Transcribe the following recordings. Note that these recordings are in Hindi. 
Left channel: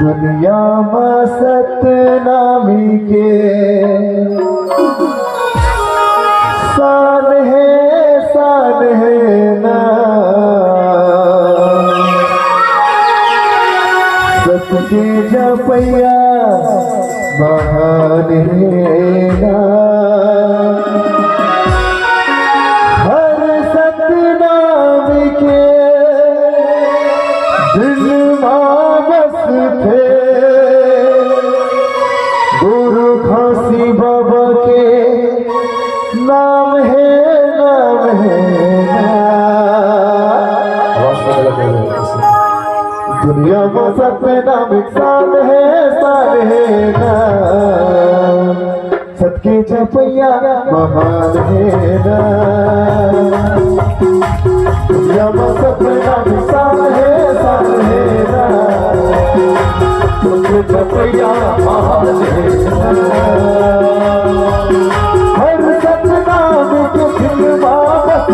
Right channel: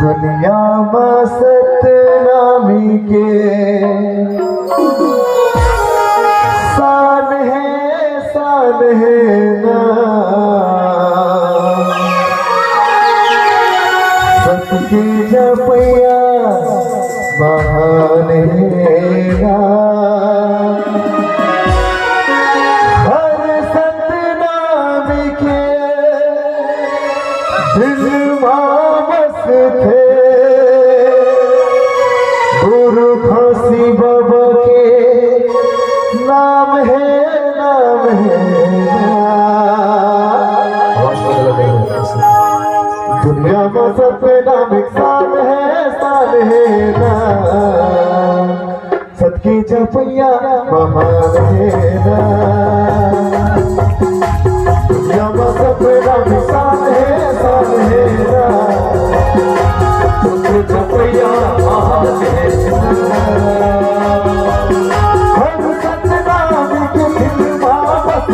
दुनिया में सतनामी के शान है ना सबके जपैया महान है ना हर सतनामी के दिल थे गुरु खासी बाबा के नाम है दुनिया में सबसे नाम एक शान है ना सबके जपैया महान है ना दुनिया में सबसे नाम एक शान है ना जपैया महान है हर सतनाम के दिल वापस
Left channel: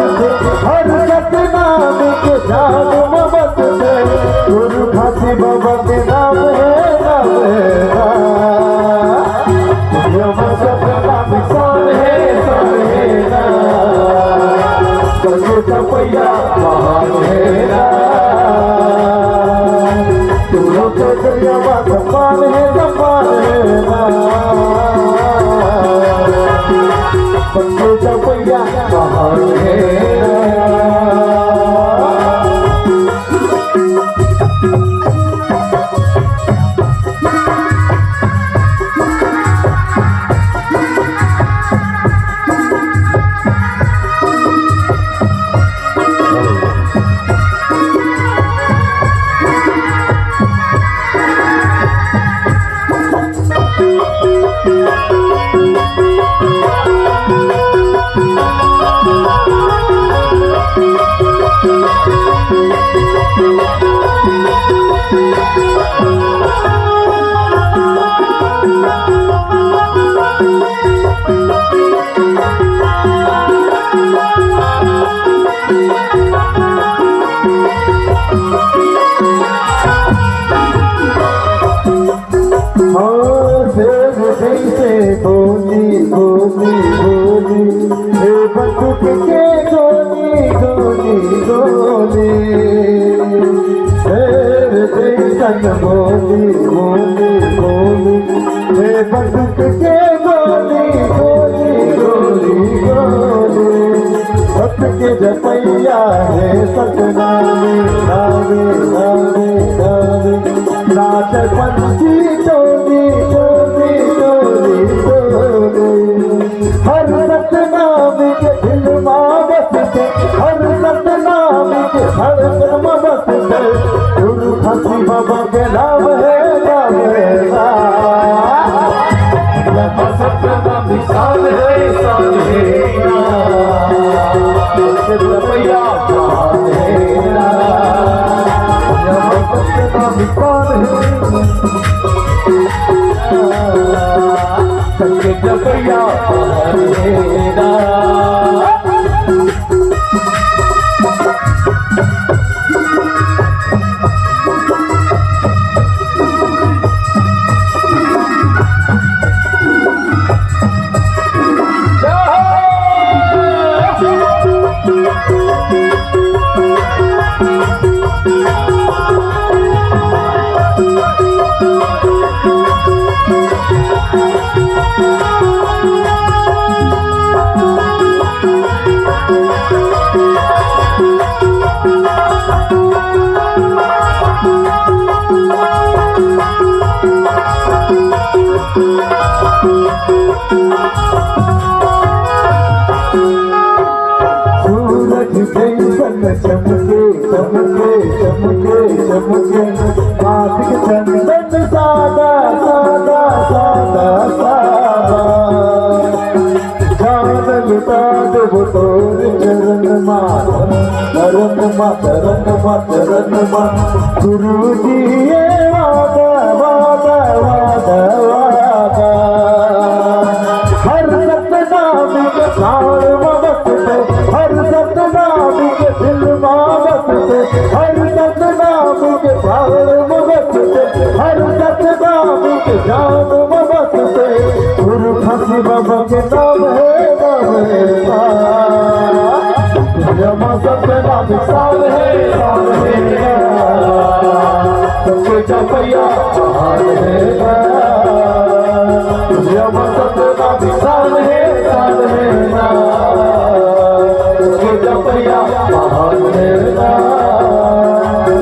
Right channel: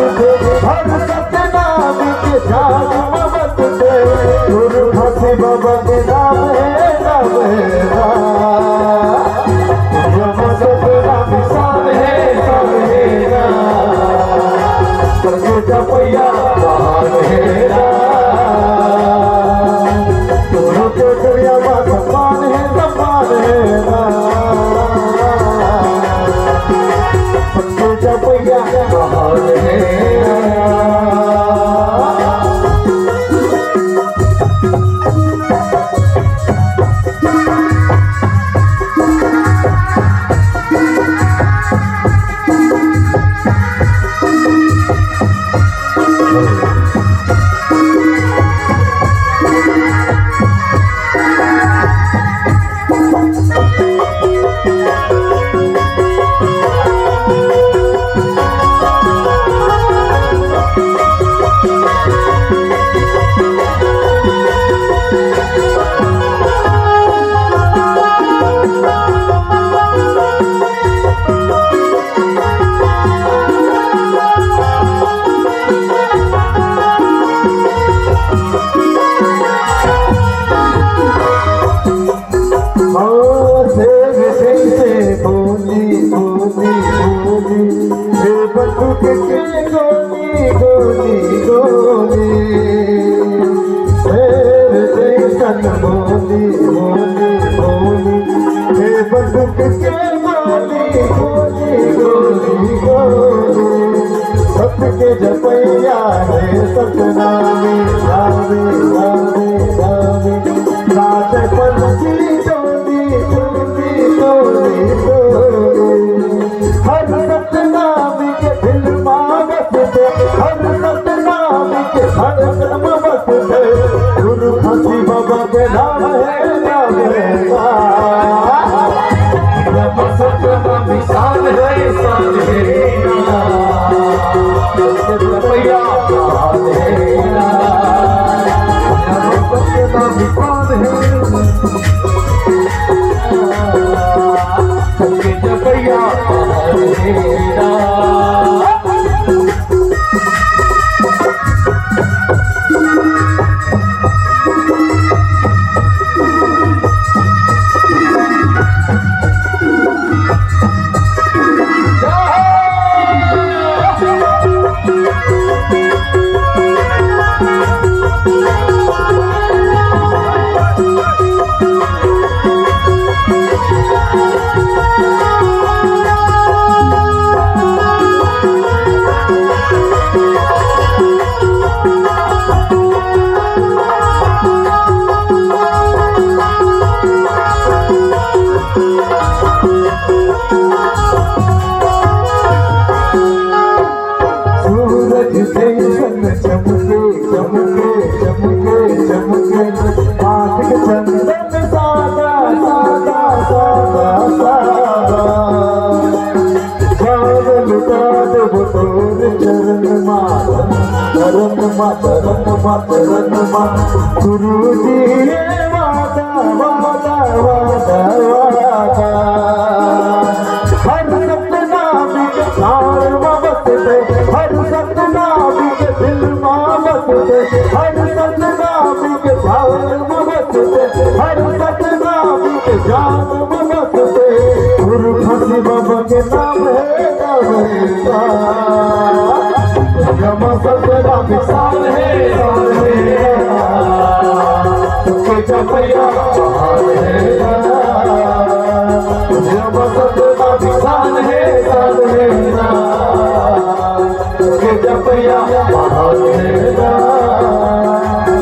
हर सतनाम के जान मबस गुरु खासी बाबा के नाम है सतनाम शान है सबके जपैया महान है सबके जपैया महान है गोली गोली गोली हे बंदूक के गोली गोली गोली शेर जैसन गोली गोली गोली हे बंदूक के गोली गोली गोली गोली सबके जपैया है सतनामी आवे आवे आवे नाच पंछी डोली डोली हर सतनामी के दिल में बसते हर सतनामी के धड़कन में बसते गुरु खासी बाबा के नाम है सतनामी शान है जपैया महान है सतनामी शान है सबके जपैया महान है सूरज जैसन चमके चमके चमके चमके माथिक चंदन सादा सादा सादा सादा जान लुटा देव तोर चरण मा चरण मा गुरु दिए वादा वादा वादा वादा हर सतनामी के शान में बसते हर सतनामी के दिल में बसते हर सतनामी के शान में बसते हर जान में बसते गुरु खासी बाबा के नाम है जमा सपना विशाल है सबके जपैया जमा सपना विशाल है सबके जपैया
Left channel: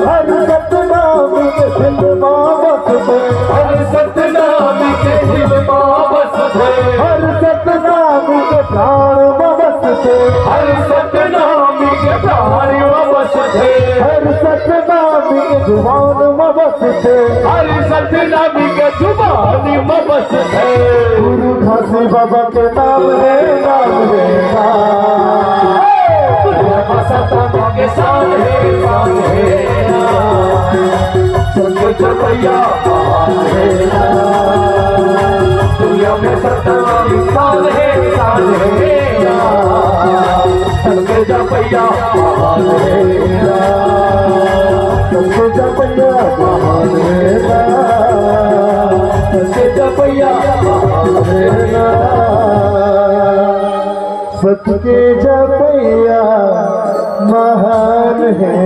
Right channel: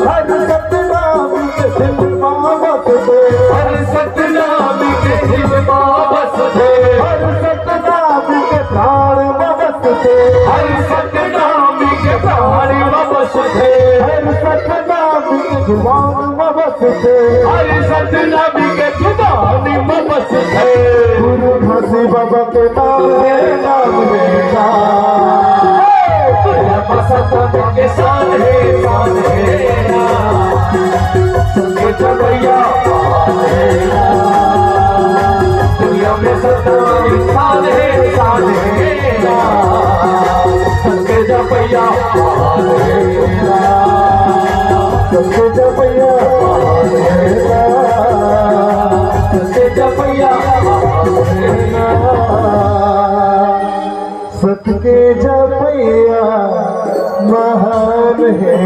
हर सतनाम के दिल में बसते हर सतनाम के दिल में बसते हर सतनाम के प्राण में बसते हर सतनाम के प्राण में बसते हर सतनाम के जुबान में बसते हर सतनाम के जुबान में बसते गुरु खासी बाबा के नाम है के साथ है सबके जपैया दुनिया में सत्ता विशाल है सबके जपैया सबके जपैया सबके जपैया सबके जपैया महान है